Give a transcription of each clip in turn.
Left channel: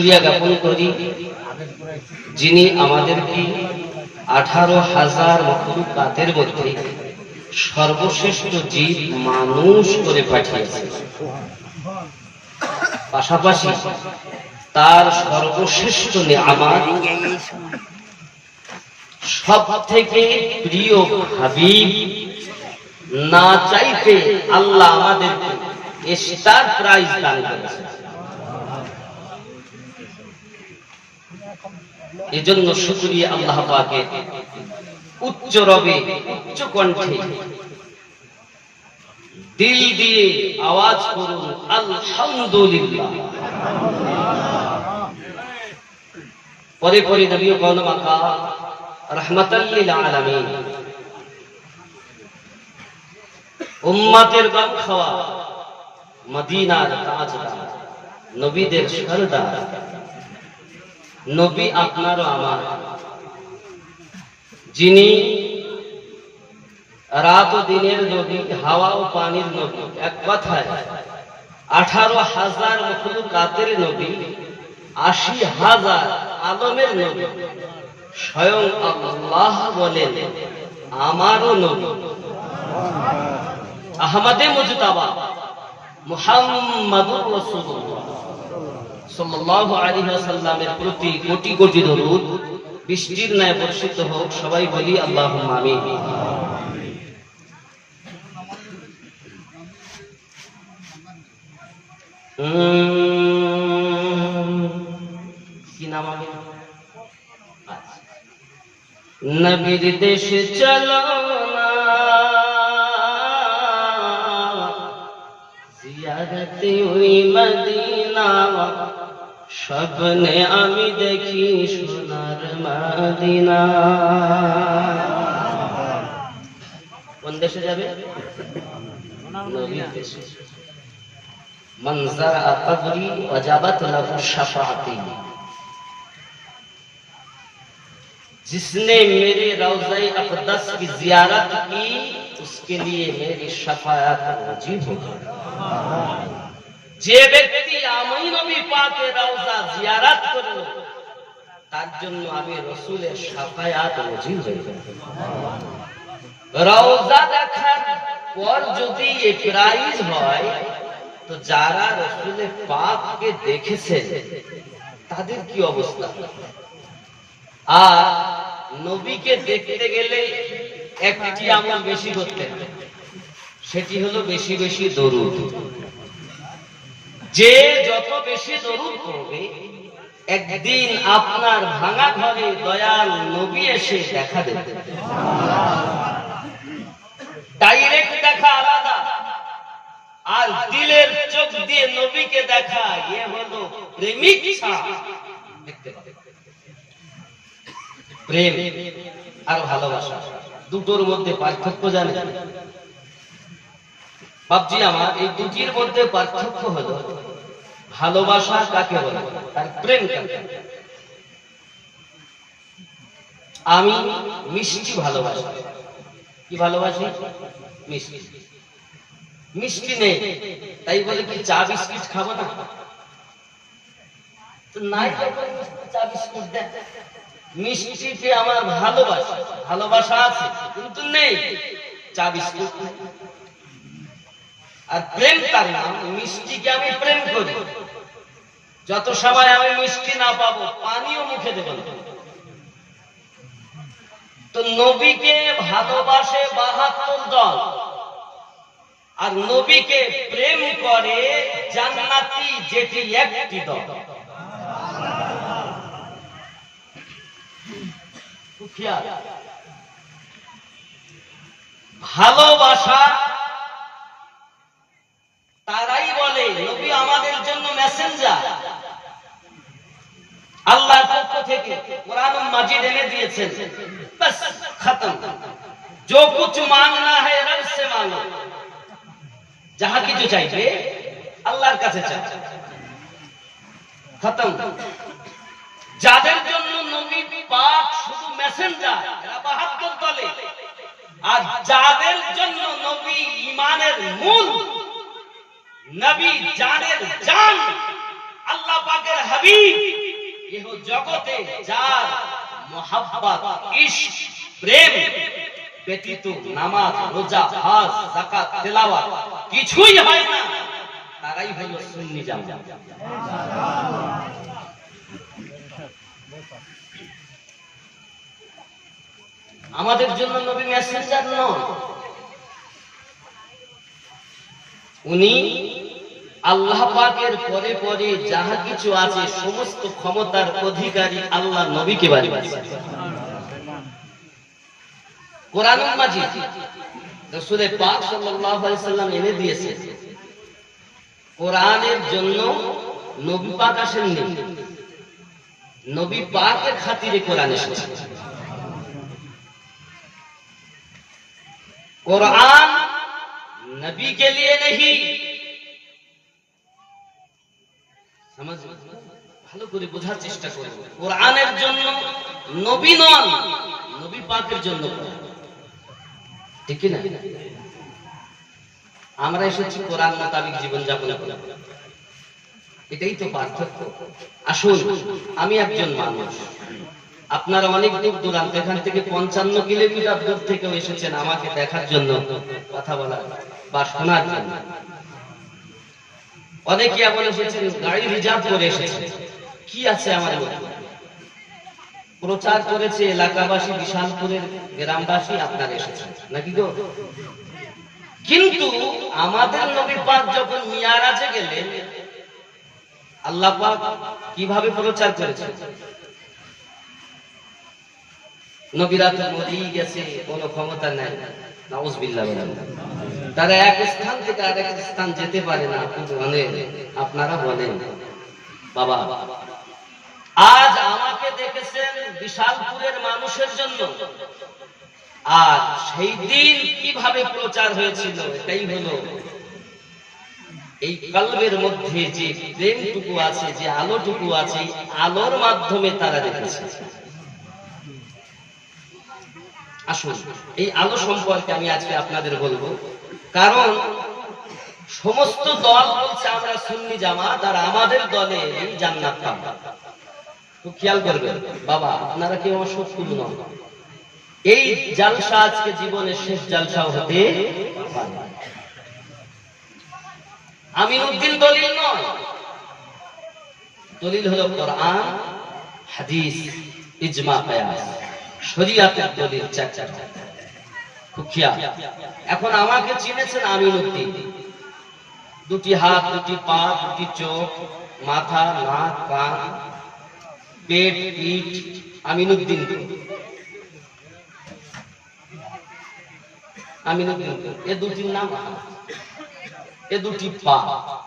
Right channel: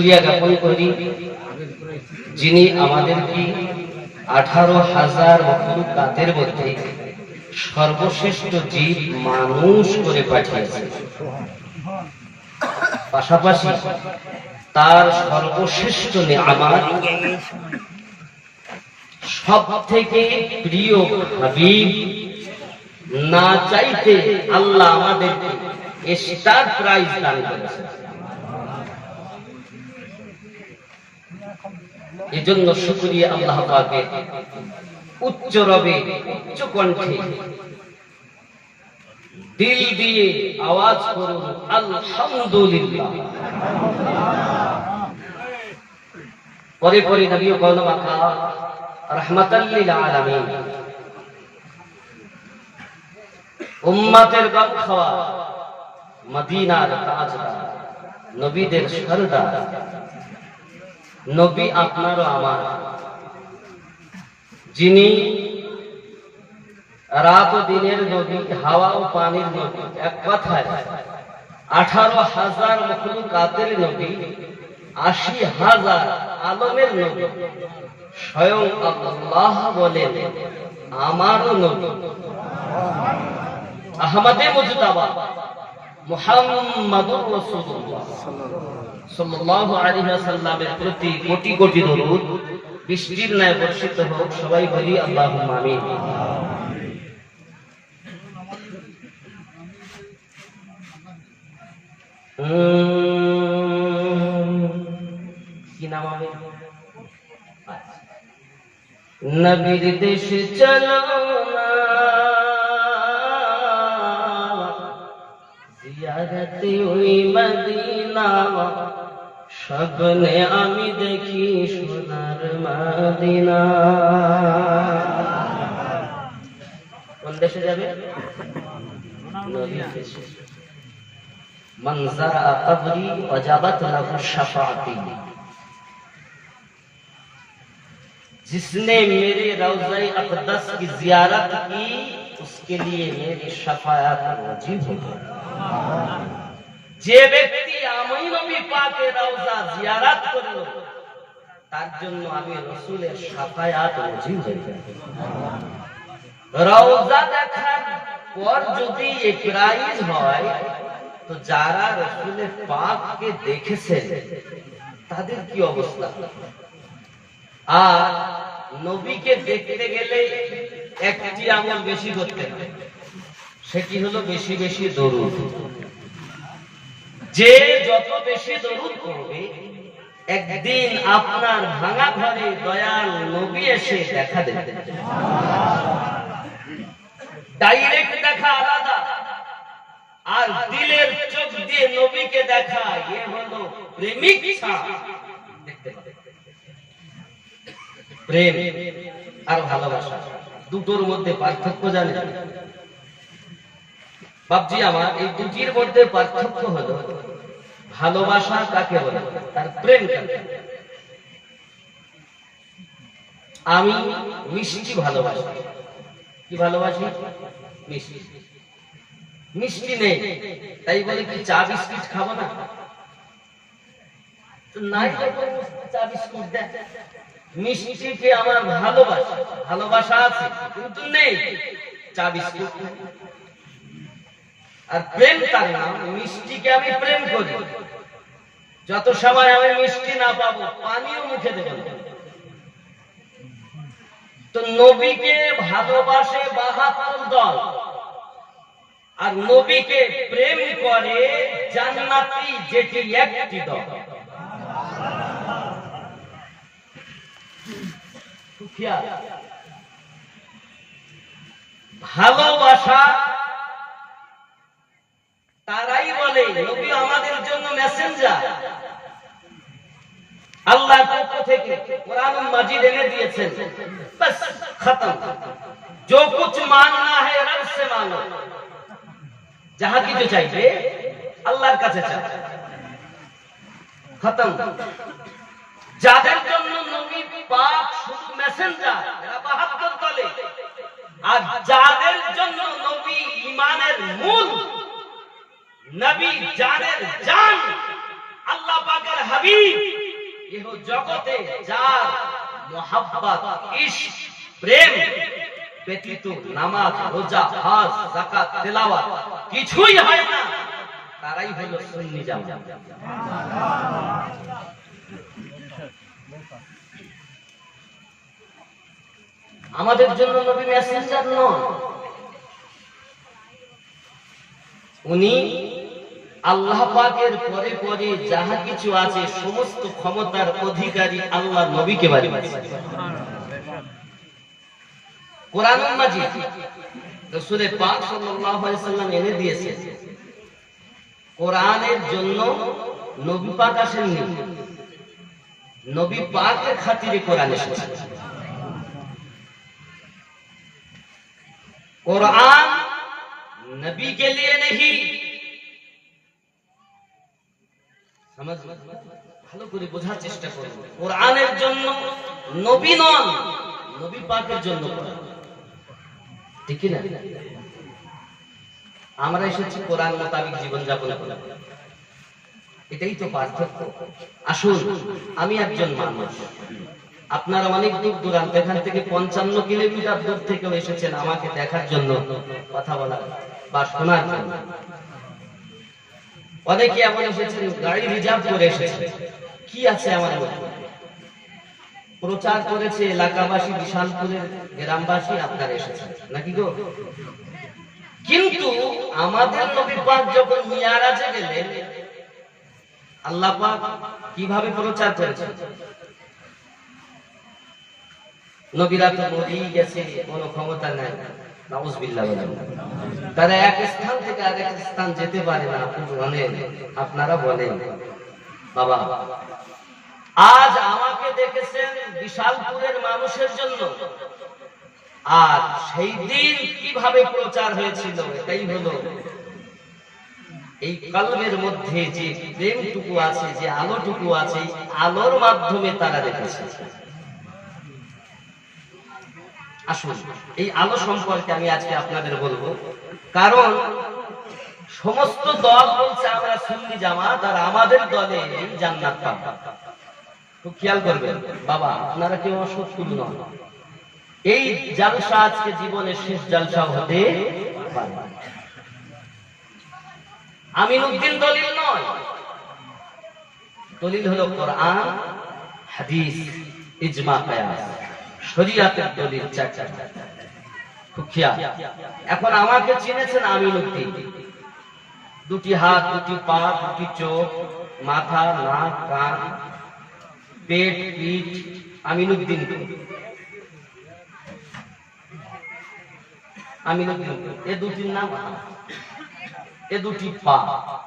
শুকরিয়া জ্ঞাপন করি যিনি আমাদেরকে 18,000 মখলুকাতের মধ্যে সর্বশ্রেষ্ঠ জীব মানুষ করে পাঠিয়েছেন। পাশাপাশি তার সর্বশ্রেষ্ঠ নেয়ামত সব থেকে প্রিয় হাবিব না চাইতে আল্লাহ আমাদেরকে স্টার প্রাইজ দান করেছেন। এজন্য শুকরিয়া আল্লাহ পাকের। উচ্চ রবে উচ্চ কণ্ঠে দিল দিয়ে আওয়াজ করুন আলহামদুলিল্লাহ। পরে পরে নবী কওম মাকা রাহমাতাল লিল আলামিন, উম্মতের গম খাওয়া মদিনার তাজদার, নবীদের সরদার, নবী আপনার ও আমার, যিনি রাত ও দিনের নবী, হাওয়া ও পানির নবী, এক কথায় 18,000 মখলুকাতের নবী, 80,000 আলমের নবী। স্বয়ং আল্লাহ বলেন আমারও নবী আহমদে মুজতাবা মুহাম্মাদুর রাসূলুল্লাহ সাল্লাল্লাহু আলাইহি ওয়াসাল্লামের প্রতি কোটি কোটি দরুদ বৃষ্টির ন্যায় বর্ষিত হোক। সবাই বলি আল্লাহুম্মা আমিন। কি নাম হবে? নবীর দেশে চলো না, জিয়ারতে ওই মদিনা, স্বপ্নে আমি দেখি সোনার মদিনা। কোন দেশে যাবে? নবীর দেশে। মান যারা কবরি ওয়াজাবাত লাহু শাফাআতি, जिसने मेरे रौज़ा अक़दस की ज़ियारत की उसके लिए मेरी शफाअत वाजिब हो गई। যে ব্যক্তি আমি নবী পাকের রওজা জিয়ারত করলো তার জন্য আমি রাসূলের শাফায়াত ওয়াজিব হয়ে যায়। রওজা দেখার পর যদি এই প্রাইজ হয় তো যারা রাসূলের পাককে দেখেছেন তাদের কি অবস্থা? আর নবীকে দেখতে গেলে একটি আমল বেশি করতে হবে, সেটি হলো বেশি বেশি দরুদ। যে যত বেশি দরুদ পড়বে একদিন আপনার ভাঙা ঘরে দয়াল নবী এসে দেখা দেবে। ডাইরেক্ট দেখা আলাদা, আর দিলের চোখ দিয়ে নবীকে দেখা এ হলো প্রেমিক ছাপ। দেখতে পাবে প্রেম আর ভালোবাসা দুটোর মধ্যে পার্থক্য জানেন বাপজি আমার? এই দুটির মধ্যে পার্থক্য হলো ভালোবাসা কাকে বলে আর প্রেম কাকে। আমি মিষ্টি ভালোবাসি। কি ভালোবাসি? মিষ্টি। মিষ্টি নেই তাই বলে কি চা বিস্কিট খাবো না? তো নাই যখন চা বিস্কুট দেন। মিষ্টিকে আমার ভালোবাসা, ভালোবাসা আছে কিন্তু নেই চা বিস্কুট। আর প্রেম তার নাম। মিষ্টিকে আমি প্রেম করি, যত সময় আমি মিষ্টি না পাবো পানিও মুখে দেব না। তো নবীকে ভালোবাসে 72 দল, আর নবীকে প্রেম করে জান্নাতি যেটি একটি দল। ভালোবাসা তারাই বলে নবী আমাদের জন্য মেসেঞ্জার, আল্লাহর পক্ষ থেকে কুরআন মাজিদ এনে দিয়েছেন। বাস খতম। जो कुछ मांगना है रब से मांगो, যাহা কিছু চাইবে আল্লাহর কাছে চাও। খতম। যাদের জন্য নবী পাক শুধু মেসেঞ্জার, এরা 72 দলে। আর যাদের জন্য নবী ঈমানের মূল, নবী জানের জান, আল্লাহ পাকের হাবিব ইহ জগতে যার মুহাব্বত ইশক প্রেম ব্যতীত নামাজ রোজা হজ যাকাত তেলাওয়াত কিছুই হয় না, তারাই হলো সুন্নি জামাত। আমাদের জন্য নবী মেসেঞ্জার নন, উনি আল্লাহ পাকের পরে পরে যাহা কিছু আছে সমস্ত ক্ষমতার অধিকারী আল্লাহ নবীকে বানিয়েছেন। কোরআনুল মাজিদ রাসূল পাক সাল্লাল্লাহু আলাইহি সাল্লাম এনে দিয়েছে। কোরআনের জন্য নবী পাক আসেননি, নবী পাকের খাতিরে কোরআন এসেছে। कुरान नबी के लिए नहीं, समझ ভালো করে বোঝার চেষ্টা করব। কোরআনের জন্য নবী নন, নবী পাকের জন্য কোরআন, ঠিক কি না? আমরা এসেছি কোরআন মোতাবেক জীবন যাপন করতে, এটাই তো পার্থক্য। আসুন, আমি একজন মানুষ, আপনারা অনেক দূর দূরান্ত, এখান থেকে 55 কিলোমিটার দূর থেকে এসেছেন আমাকে দেখার জন্য, কথা বলার বা শোনার জন্য। অনেকে এমন এসেছেন গাড়ি রিজার্ভ করে এসেছেন, কি আছে আমার মধ্যে? প্রচার করেছে এলাকাবাসী, বিশালপুরের গ্রামবাসী, আপনারা এসেছেন নাকি গো? কিন্তু আমাদের নবী পাক যখন মিয়ারাজে গেলেন, আল্লাহ পাক কিভাবে প্রচার করেছেন? নবীরা তো মরেই গেছে, কোনো ক্ষমতা নাই, নাউজুবিল্লাহ বলেন। তারা এক স্থান থেকে আরেক স্থান যেতে পারে না, আপনারা বলেন বাবা, আজ আমাকে দেখেছেন বিশালপুরের মানুষের জন্য, আর সেই দিন কিভাবে প্রচার হয়েছিল এটাই হলো এই কলবের মধ্যে যে প্রেমটুকু আছে, যে আলোটুকু আছে, আলোর মাধ্যমে তারা দেখেছে। আসুন, এই আলো সম্পর্কে আমি আজকে আপনাদের বলবো, কারণ সমস্ত দল বলছে আমরা সুন্নি জামাত, আর আমাদের দলে এই জান্নাত পাবো। খুব খেয়াল করবেন বাবা, আপনারা কেউ অসৎ নন। এই জালসা আজকে জীবনের শেষ জালসা হতে পারে। আমিনুদ্দিন দলিল নয়, দলিল হলো কোরআন, হাদিস, ইজমা, কিয়াস, শরীয়তের দলিল চারটা। খুব খেয়াল। এখন আমাকে চিনেছেন আমিনুদ্দিন, দুটি হাত, দুটি পা, দুটি চোখ, মাথা, নাক, কান, পেট, পিঠ, আমিনুদ্দিন। আমিনুদ্দিন এ দুটির নাম, এ দুটি পা,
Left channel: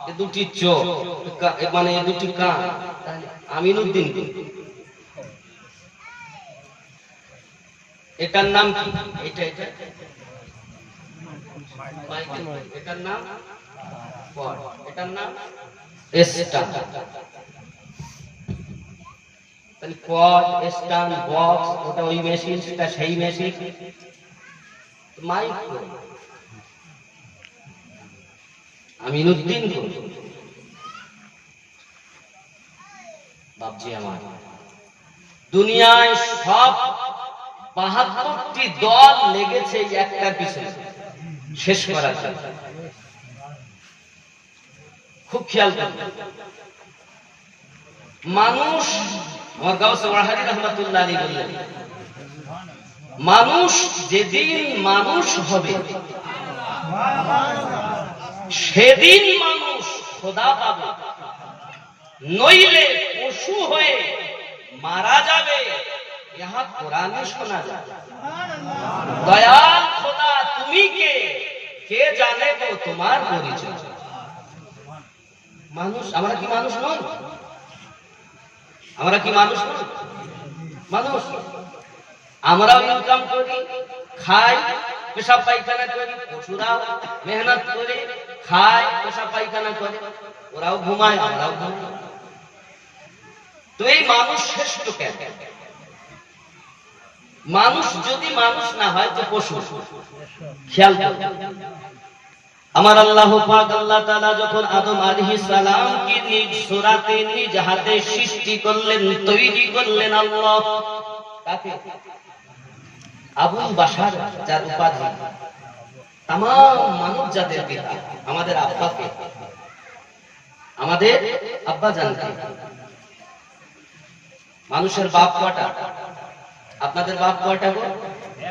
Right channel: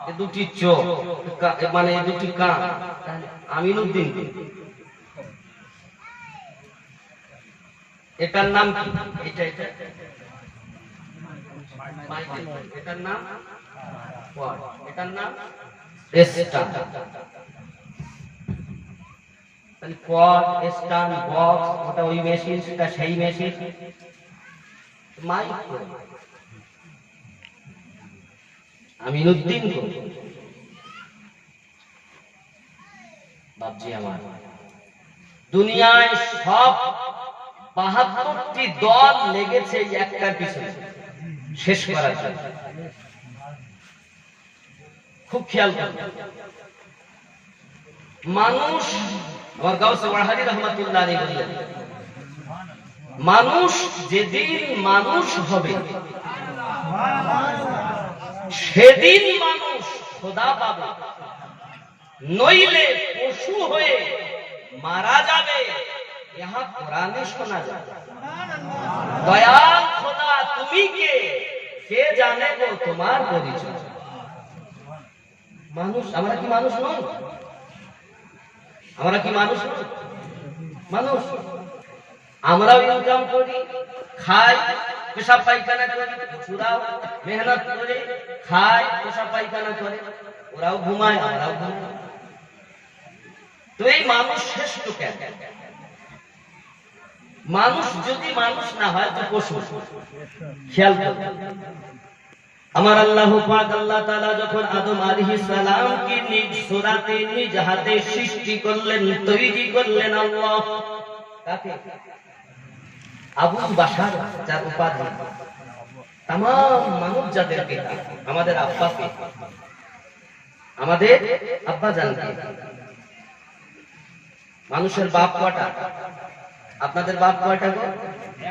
এ দুটি চোখ, মানে এ দুটি কান, আমিনুদ্দিন। এটার নাম কি? এটা এটা এটার নাম পড, এটার নাম স্টান। তাহলে পড, স্টান, বক্স, ওটা ওই মেশিন, সেটা সেই মেশিন। মাইক আমিনুদ্দিন বাবজি আমার, দুনিয়ায় সব 72টি দল লেগেছে একটার পিছনে শেষ করার জন্য। খুব খেয়াল করবেন মানুষ, আমার গাউসে ওয়াহাদি রাহমাতুল্লাহ আলাইহি বললেন, মানুষ যেদিন মানুষ হবে সেদিন মানুষ খোদা পাবে, নইলে পশু হয়ে মারা যাবে। ইহা কোরআনে শোনা যায়। দয়াল খোদা তুমি কে, কে জানে গো তোমার পরিচয়। মানুষ, আমরা কি মানুষ নই? আমরা কি মানুষ নই? মানুষ। আমরাও ইনকাম করি, খাই, পেশাব পায়খানা করি, পশুরাও মেহনত করে খায়, পেশাব পায়খানা করে, ওরাও ঘুমায়, আমরাও ঘুমাই। তো এই মানুষ শ্রেষ্ঠ কেন? মানুষ যদি মানুষ না হয় তো পশু। খেয়াল করবেন, আমার আল্লাহ পাক আল্লাহ তাআলা যখন আদম আলাইহিস সালামকে নিজ সূরাতে নিজ হাতে সৃষ্টি করলেন, তৈরি করলেন, আল্লাহ কাকে? আবুল বাশার, যার উপাধি তাম মানব জাতির পিতা, আমাদের আব্বাকে, আমাদের আব্বা জানকে। মানুষের বাপ কয়টা? আপনাদের বাপ কয়টা গো?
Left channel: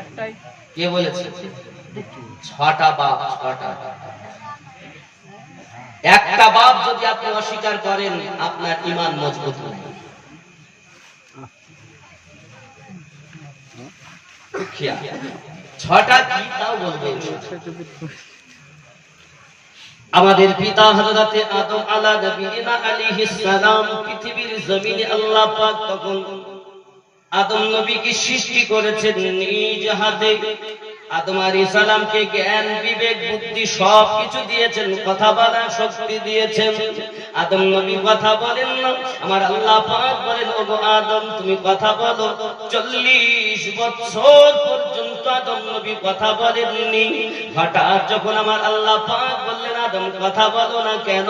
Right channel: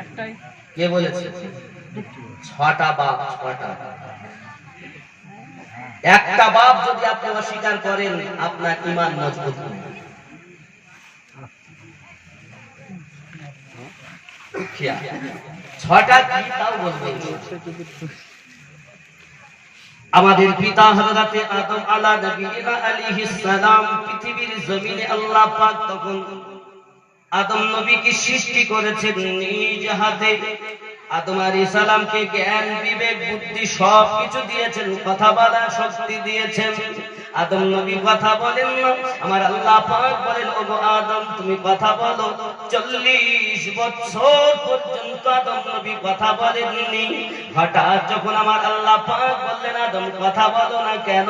একটাই। কে বলেছে? 6টা বাপ, 6টা। একটা বাপ যদি আপনি অস্বীকার করেন, আপনার ঈমান মজবুত হবে। 6টা কি তাও বলবেন। আমাদের পিতা হযরতে আদম আলাইহিস সালাম পৃথিবীর জমিনে আল্লাহ পাক তখন আদম নবীকে সৃষ্টি করেছেন নিজ হাতে। আদম আলাইহিস সালামকে জ্ঞান, বিবেক, বুদ্ধি সব কিছু দিয়েছেন, কথা বলার শক্তি দিয়েছেন। আদম নবী কথা বলেন না, আমার আল্লাহ পাক বলেন, ওগো আদম তুমি কথা বলো। 40 বছর পর্যন্ত আদম নবী কথা বলেননি। হঠাৎ যখন আমার আল্লাহ পাক বললেন, আদম কথা বলো না কেন?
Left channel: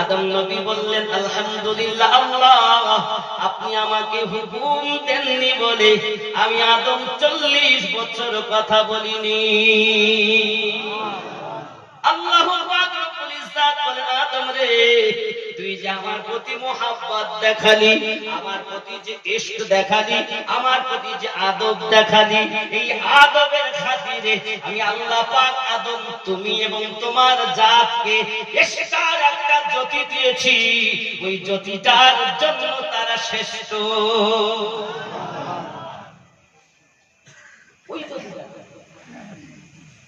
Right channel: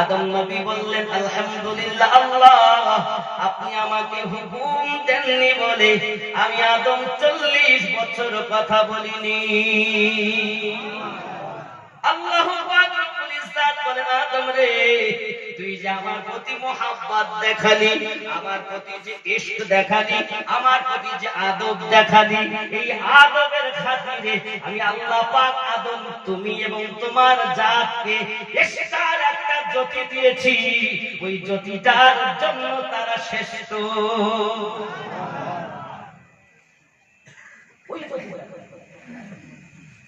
আদম নবী বললেন, আলহামদুলিল্লাহ আল্লাহ, আপনি আমাকে হুকুম দেননি বলে আমি আদম 40 বছর কথা বলিনি। আল্লাহু পাক রব্বুল ইজ্জত বলে, আদম রে, তুই যে আমার প্রতি মোহাব্বত দেখালি, আমার প্রতি যে ইশক দেখালি, আমার প্রতি যে আদব দেখালি, এই আদবের খাতিরে আমি আল্লাহ পাক আদম, তুমি এবং তোমার জাতকে ইশকার একটা জ্যোতি দিয়েছি। ওই জ্যোতিটার জন্য তারা শ্রেষ্ঠ। ওই জ্যোতিটা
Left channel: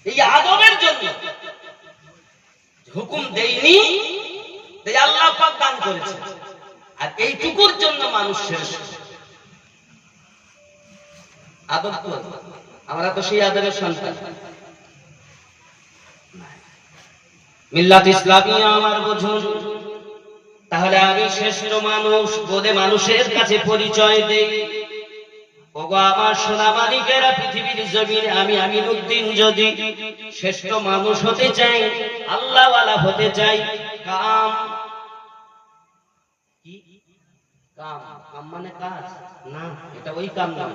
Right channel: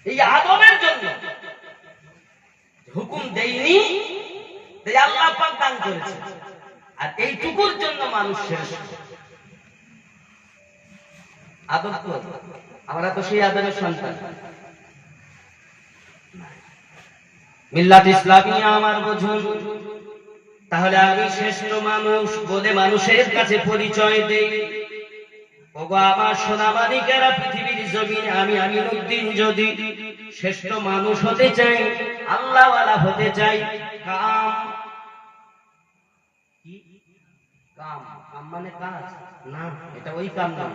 এই আদবের জন্য হুকুম দেয়নি, তাই আল্লাহ পাক দান করেছে। আর এইটুকুর জন্য মানুষ শ্রেষ্ঠ। আদব তো আমরা তো সেই আদবের সন্তান। মিল্লাত ইসলামিয়া আমার বুঝুন, তাহলে আমি শ্রেষ্ঠ মানুষ বলে মানুষের কাছে পরিচয় দেই। ওগো আমার সোনা মালিকেরা, পৃথিবীর জমিনে আমি আমিনউদ্দিন যদি শ্রেষ্ঠ মানুষ হতে চাই, আল্লাহওয়ালা হতে চাই, কাম কি? কাম, কাম মানে কাজ না, এটা ওই কাম না।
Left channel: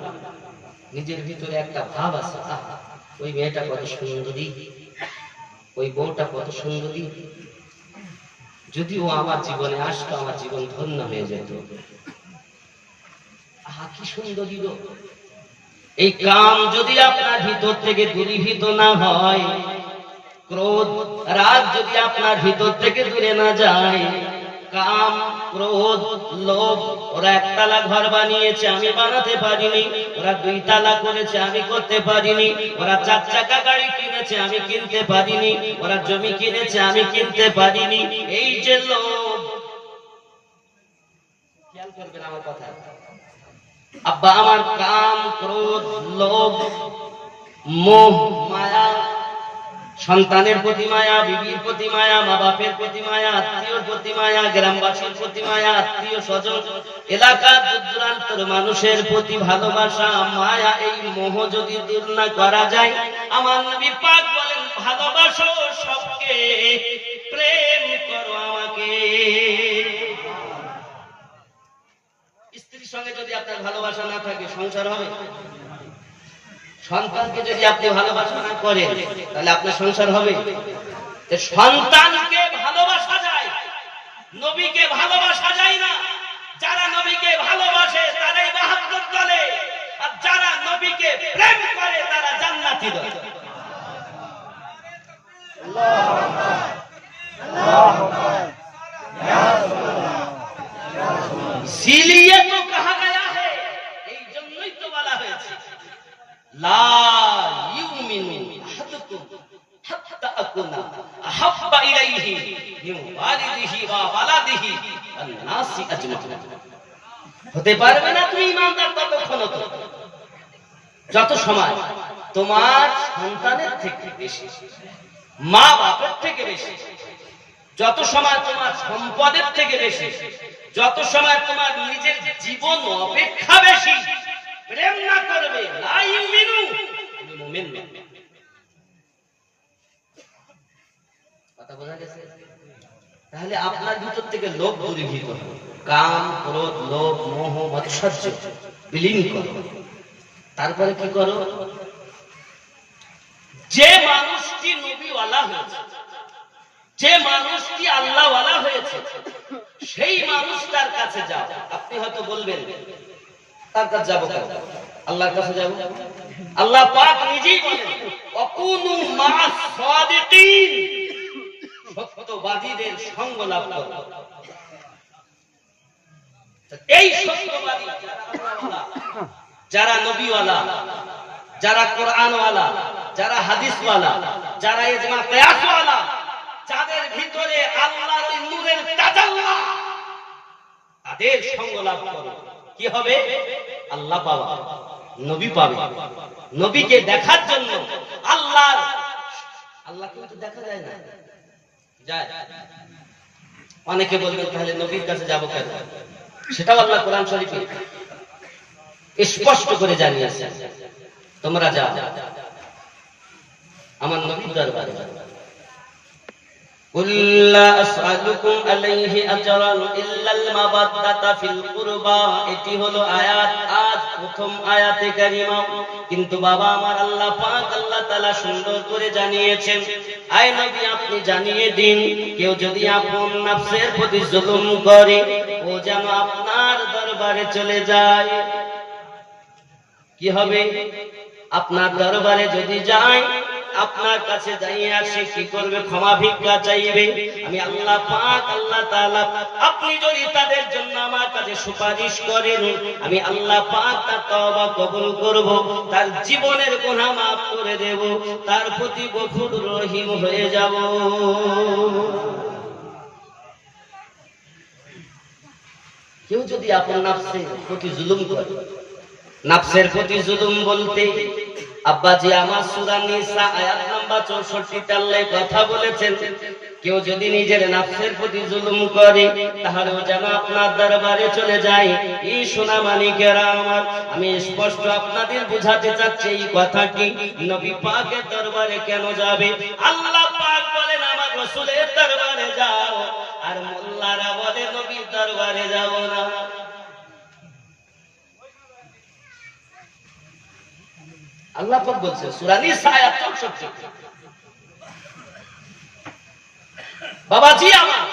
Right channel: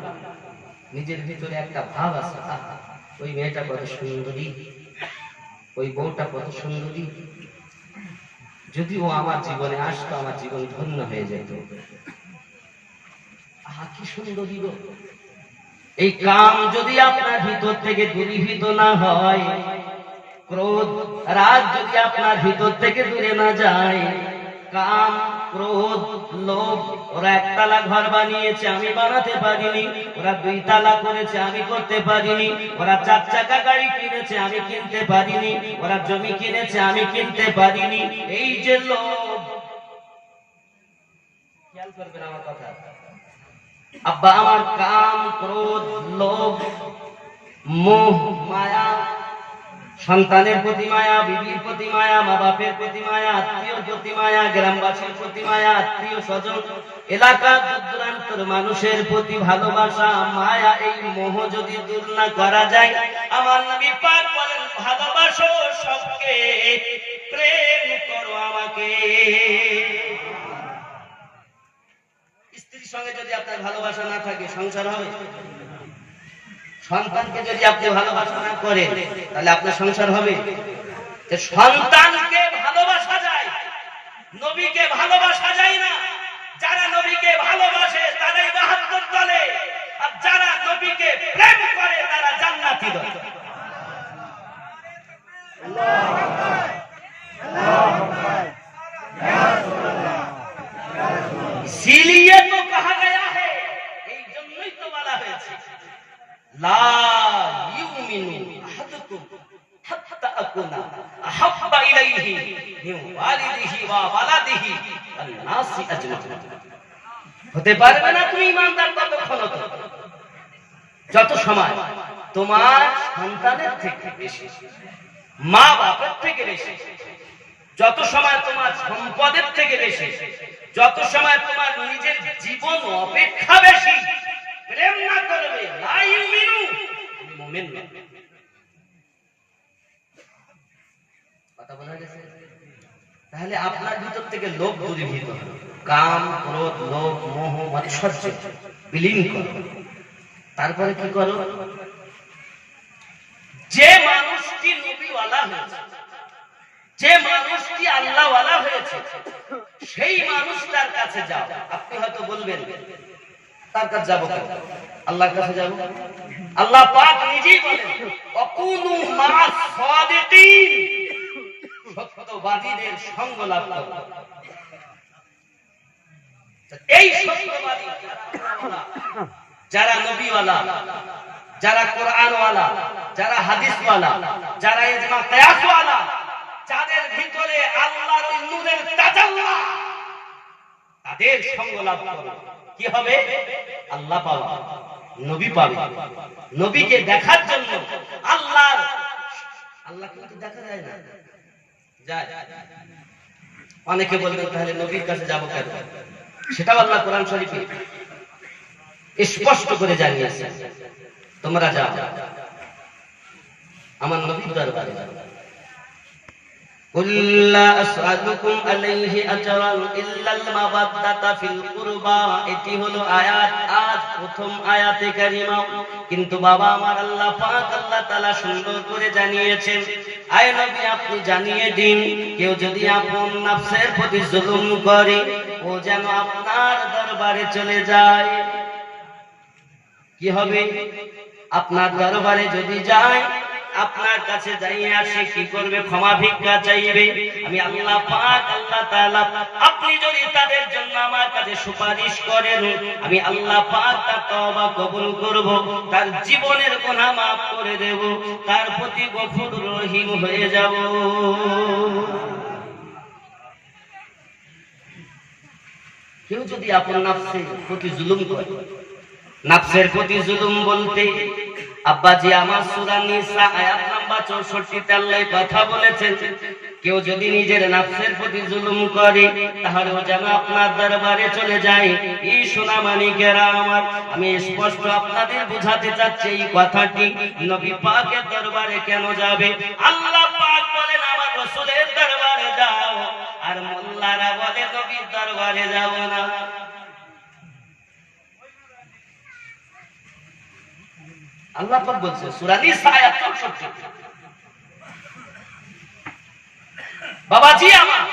নিজের ভিতরে একটা ভাব আছে, ওই মেয়েটা কত সুন্দরী, ওই বউটা কত সুন্দরী, যদি ও আমার জীবনে আসতো আমার জীবন ধন্য হয়ে যেত। কি সুন্দরী গো। এই কাম যদি আপনার ভিতর থেকে দূরীভূত না হয়, ক্রোধ, রাগ যদি আপনার ভিতর থেকে দূরে না যায়, কাম, ক্রোধ, লোভ, ওরা একতলা ঘর বানিয়েছে, আমি বানাতে পারিনি। ওরা 2 তালা করেছে, আমি করতে পারিনি। ওরা 4 চাকা গাড়ি কিনেছে, আমি কিনতে পারিনি। ওরা জমি কিনেছে, আমি কিনতে পারিনি। এই যে লোভ, খেয়াল করবেন আমার কথা আব্বা, আমার কাম, ক্রোধ, লোভ, মোহ, মায়া, সন্তানের প্রতি মায়া, বিবির প্রতি মায়া, মা বাপের প্রতি মায়া, আত্মীয়র প্রতি মায়া, গ্রামবাসীর প্রতি মায়া, আত্মীয় স্বজন, এলাকার দূরান্তর মানুষের প্রতি ভালোবাসা, মায়া, এই মোহ যদি দূর না করা যায়, আমার নবী পাক বলেন, ভালোবাসো সবকে, প্রেম করো আমাকে। স্ত্রীর সঙ্গে যদি আপনার ভালোবাসা না থাকে, সংসার হবে? সন্তানকে যদি আপনি ভালোবাসা না করেন, তাহলে আপনার সংসার হবে? সন্তানকে ভালোবাসা যায়, নবীকে ভালোবাসা যায় না। যারা নবীকে ভালোবাসে তারাই বাহাদুর দলে, আর যারা নবীকে প্রেম করে তারা জান্নাতি দলে। इसीलिए तो कहा गया है, এই জন্যই তো বলা হয়েছে, লা ইউমিনু আহাদুকুম হাত্তা আকুনা আহাব্বা ইলাইহি মিন ওয়ালিদিহি ওয়া ওয়ালাদিহি ওয়ান নাসি আজমাইন। হতে পারবে না তুমি ঈমানদার ততক্ষণ, যত সময় তোমার সন্তানের থেকে বেশি, মা বাপের থেকে বেশি, যত সময় তোমার সম্পদের থেকে বেশি, যত সময় তোমার নিজের জীবন অপেক্ষা বেশি প্রেম না করবে, লা ইউমিনু, মুমিন না। বোঝা গেছে? তাহলে আপনার ভিতর থেকে লোভ দূরীভূত হবে, কাম ক্রোধ লোভ মোহ মাৎসর্য বিলীন করো। তারপরে কি করো? যে মানুষটি নবীওয়ালা হয়েছে, যে মানুষটি আল্লাহওয়ালা হয়েছে, সেই মানুষটার কাছে যাও। আপনি হয়তো বলবেন তার কাছে যাবো কেন? আল্লাহর কাছে যাবো। আল্লাহ পাক নিজেই বলেন অকুনু মা'আস সাদিকিন, সত্যবাদীদের সঙ্গ লাভ করো। এই সত্যবাদী যারা নবীওয়ালা, যারা কোরআনওয়ালা, যারা হাদিসওয়ালা, যারা ইজমা কিয়াসওয়ালা, যাদের ভিতরে আল্লাহর ওই নূরের তাজাল্লা, তাদের সঙ্গ লাভ করো। কি হবে? আল্লাহ পাওয়া, নবী পাবে। নবীকে দেখার জন্য আল্লাহকে তো দেখা যায় না, যায়। অনেকে বলবেন তাহলে নবীর কাছে যাবো কেন? সেটাও আল্লাহ কোরআন শরীফে স্পষ্ট করে জানিয়েছে, তোমরা যাও আমার নবীর দরবারে। قل لا أسألكم عليه أجرا إلا المودة في القربى। এটি হলো আয়াত, আজ প্রথম আয়াতে কারিমা। কিন্তু বাবা আমার আল্লাহ পাক আল্লাহ তাআলা সুন্দর করে জানিয়েছেন, আয় নবী আপনি জানিয়ে দিন, কেউ যদি আপন নফসের প্রতি জুলুম করে ও যেন আপনার দরবারে চলে যায়। কি হবে? আপনার দরবারে যদি যায়, আপনার কাছে যাইয়া সে কি করবে? ক্ষমা ভিক্ষা চাইবে। আমি আল্লাহ পাক আল্লাহ তাআলা, আপনি যদি তাদের জন্য আমার কাছে সুপারিশ করেন, আমি আল্লাহ পাক তার তওবা কবুল করব, তার জীবনের গুনাহ মাফ করে দেব, তার প্রতি গফুর রহিম হয়ে যাব। কেউ যদি আপনার নফসের প্রতি জুলুম করে, নফসের প্রতি জুলুম বলতে আব্বাজি আমার সূরা নিসা আয়াত নাম্বার 64 আল্লাহ কথা বলেছেন, কেউ যদি নিজের নফসের প্রতি জুলুম করে তাহলে ও যেন আপনার দরবারে চলে যায়। এই সোনা মানিকেরা আমার, আমি স্পষ্ট আপনাদের বুঝাতে চাচ্ছি এই কথাটি। নবী পাকের দরবারে কেন যাবে? আল্লাহ পাক বলেন আমার রাসূলের দরবারে যাও, আর মোল্লারা বলে নবীর দরবারে যাব না। আল্লাহ পাক বলছেন সূরা নিসা আয়াত 64। বাবাজি আমার,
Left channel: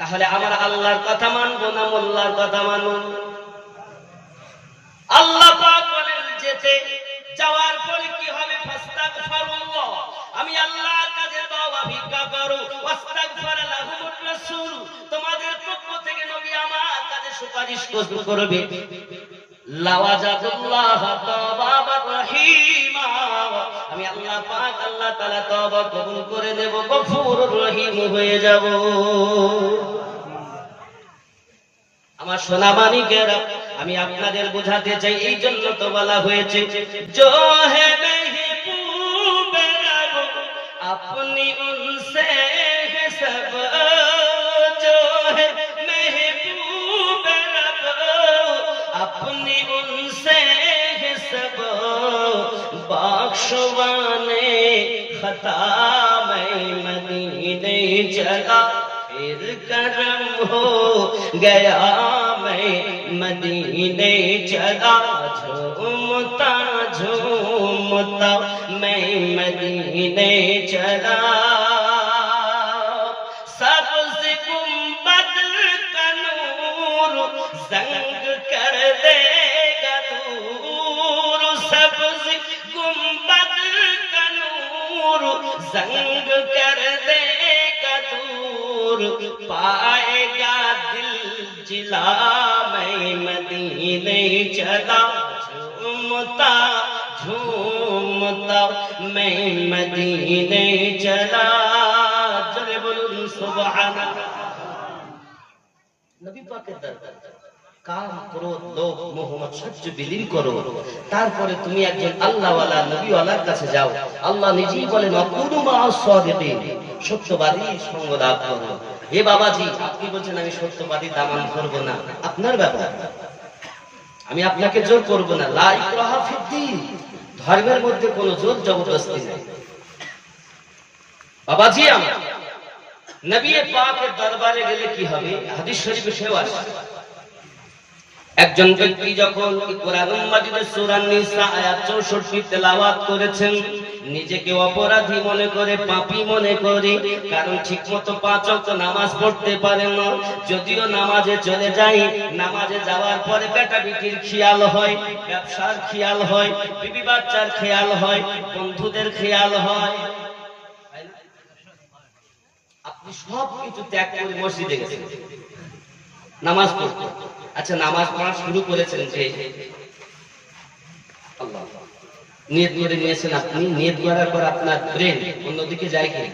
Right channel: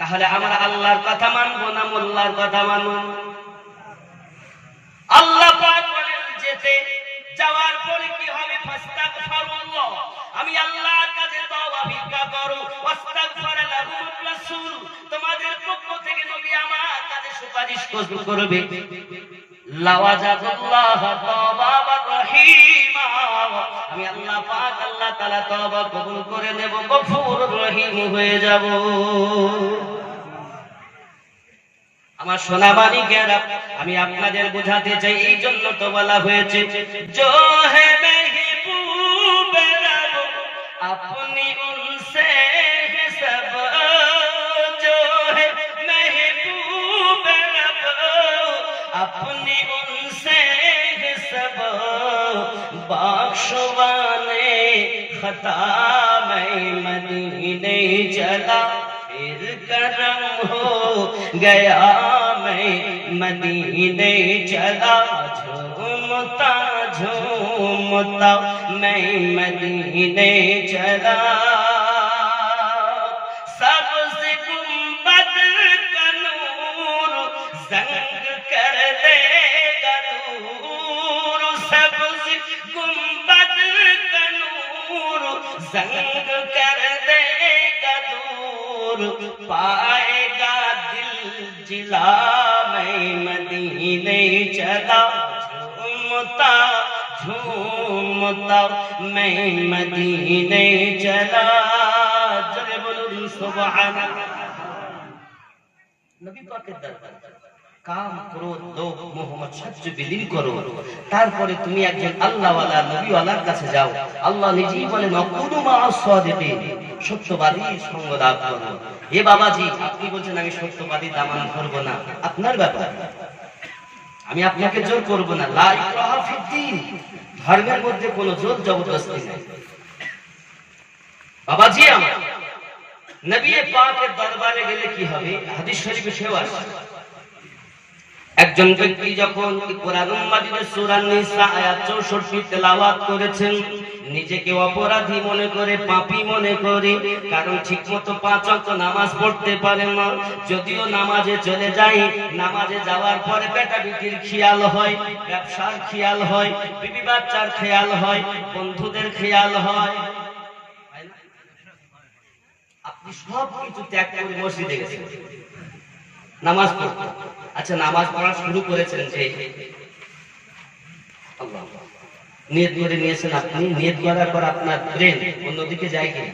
তাহলে আমরা আল্লাহর কথা মানবো না মোল্লার কথা মানবো? আল্লাহ পাক বলেন যেতে যাওয়ার পরে কি হবে? ফাস্তাগফিরুল্লাহ, আমি আল্লাহর কাছে তওবা ভিক্ষা করো। ওয়াস্তাগফার লাহুমুর রাসূল, তোমাদের পক্ষ থেকে নবী আমার কাছে সুপারিশ করবে। লাওয়াজাদুল্লাহ তাওবাবার রহিমা, আমি আল্লাহ পাক আল্লাহ তাআলা তওবা কবুল করে নেব, গফুরুর রহিম হয়ে যাব। আমার সোনা মানিকেরা, আমি আপনাদের বোঝাতে চাই, এই জন্য তো বলা হয়েছে जो है महबूब रब अपनी उनसे है सब, जो है महबूब रब अपनी उनसे है सब, बख्शवाने खता मैं मदीने चला फिर करम हो गया मैं मदीने चला, झूमता झूमता मैं मदीने चला, सबसे गुंबद का नूर जंग कर देगा दूर, सबसे गुंबद का नूर जंग कर देगा दूर, पाएगा दिल जिला मैं मदीने चला, झूमता झूमता मैं मदीने चला। जरे बोलूं सुबहानाल्लाह। नबी पाकेर दरबार কাম ক্রোধ লোভ মোহ মাৎসর্য বিলীন করো। তারপরে তুমি একজন আল্লাহওয়ালা নবীওয়ালার কাছে যাও। আল্লাহ নিজেই বলেন অকুনু মা'আস সাদিকিন, সত্যবাদী সঙ্গ লাভ করো। এ বাবাজি, আপনি বলছেন আমি সত্যবাদী দামান করব না, আপনার ব্যাপার, আমি আপনাকে জোর করব না। লা ইকরাহা ফিদ্দীন, ধর্মের মধ্যে কোনো জোর জবরদস্তি নেই। বাবাজি আমার, নবী পাকের দরবারে গেলে কি হবে? হাদিস শরীফে সেও আসে, একজন ব্যক্তি যখন কোরআন মাজিদের সূরা নিসা আয়াত 64 তেলাওয়াত করেছেন, নিজেকে অপরাধী মনে করে, পাপী মনে করে, কারণ ঠিকমতো 5 ওয়াক্ত নামাজ পড়তে পারে না। যদিও নামাজে চলে যায়, নামাজে যাওয়ার পরে বেটা বিটির খেয়াল হয়, ব্যবসার খেয়াল হয়, বিবি বাচ্চার খেয়াল হয়, বন্ধুদের খেয়াল হয়। আপনি সব কিছু ত্যাগ করে মসজিদে গেছেন নামাজ পড়তে। আচ্ছা, নামাজ পড়া শুরু করেছেন যে আল্লাহ নিয়ত করে নিয়েছেন, আপনি নিয়ত করার পর আপনার ব্রেন অন্যদিকে যায় কি?